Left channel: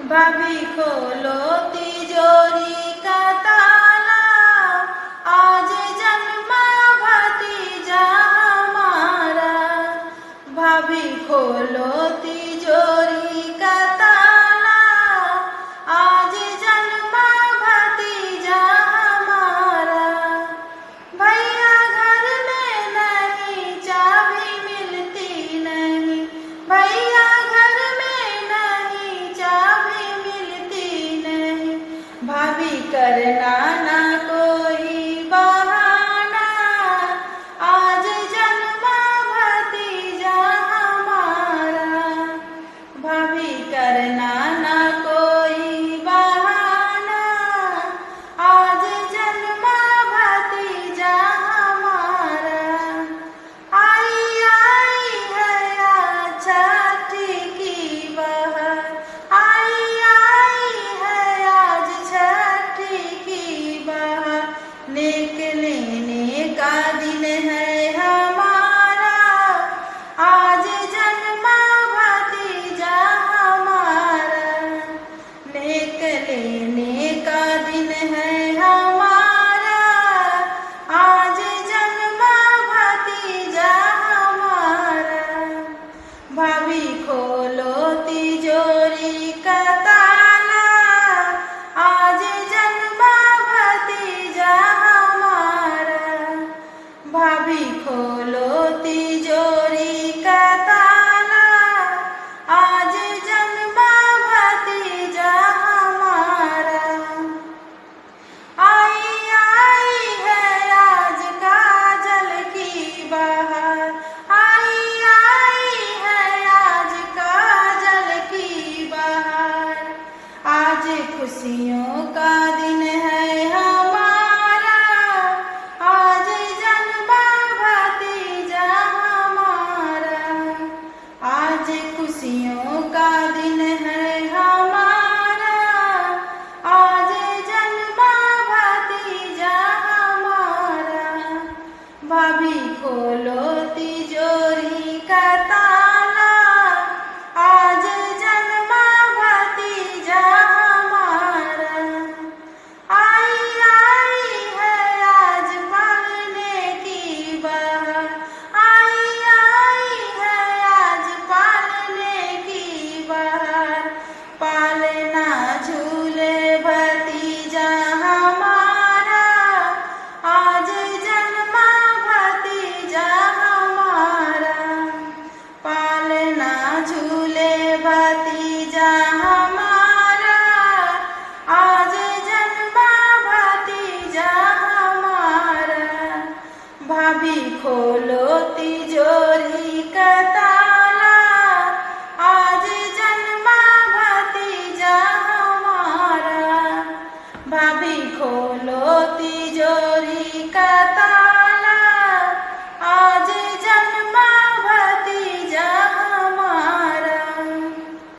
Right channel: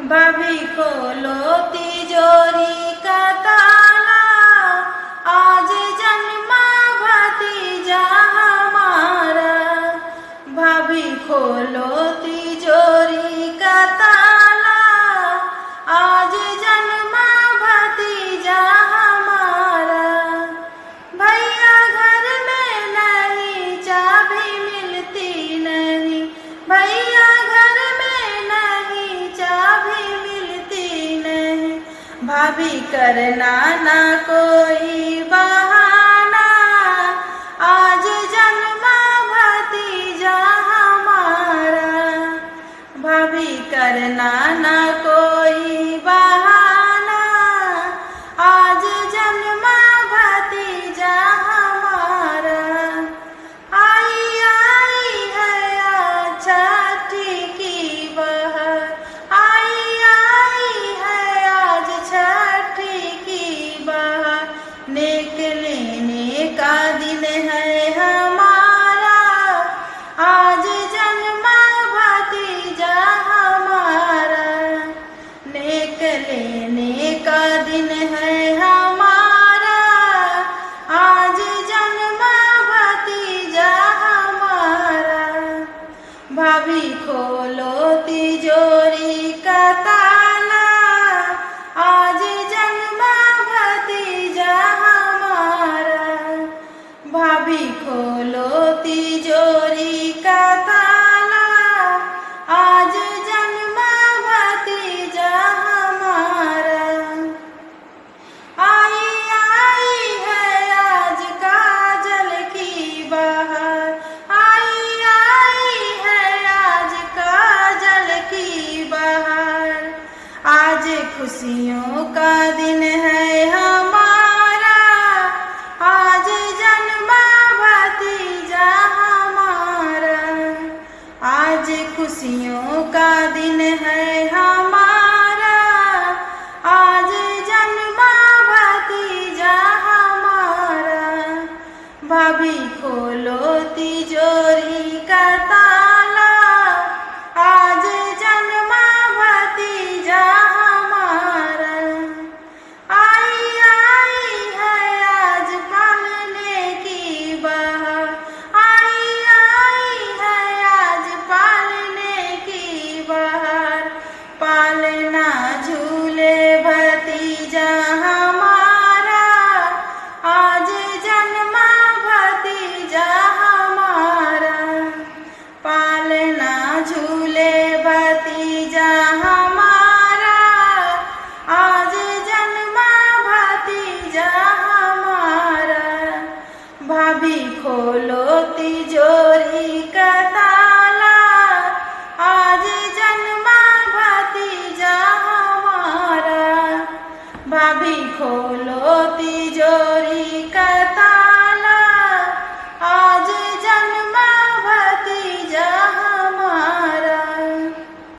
भाभी खोलो तिजोरी का ताला, आज जन्मा भतीजा हमारा। भाभी खोलो तिजोरी का ताला, आज जन्मा भतीजा हमारा। भैया घर में नहीं, चाबी मिलती नहीं। भैया घर में नहीं, चाबी मिलती नहीं। भाभी करना ना कोई बहाना, आज जन्मा भतीजा हमारा। भाभी करना ना कोई बहाना, आज जन्मा भतीजा हमारा। आई आई है आज छठी की बहर, आई है आज छठी की बहर। निकलने का दिन है हमारा, आज जन्मा भतीजा हमारा। निकलने का दिन है हमारा, आज जन्मा भतीजा हमारा। भाभी खोलो तिजोरी का ताला, आज जन्मा भतीजा हमारा। भाभी खोलो तिजोरी का ताला, आज जन्मा भतीजा हमारा। आई है आज काजल की बहार, आई है आज काजल की बहार। आज खुशियों का दिन है हमारा, आज जन्मा भतीजा हमारा। आज खुशियों का दिन है हमारा, आज जन्मा भतीजा हमारा। भाभी खोलो तिजोरी का ताला, आज जन्मा भतीजा हमारा। आई है आज पालने की बहार, आई है आज पालने की बहार। पालना झूले भतीजा हमारा, आज जन्मा भतीजा हमारा। पालना झूले भतीजा हमारा, आज जन्मा भतीजा हमारा। भाभी खो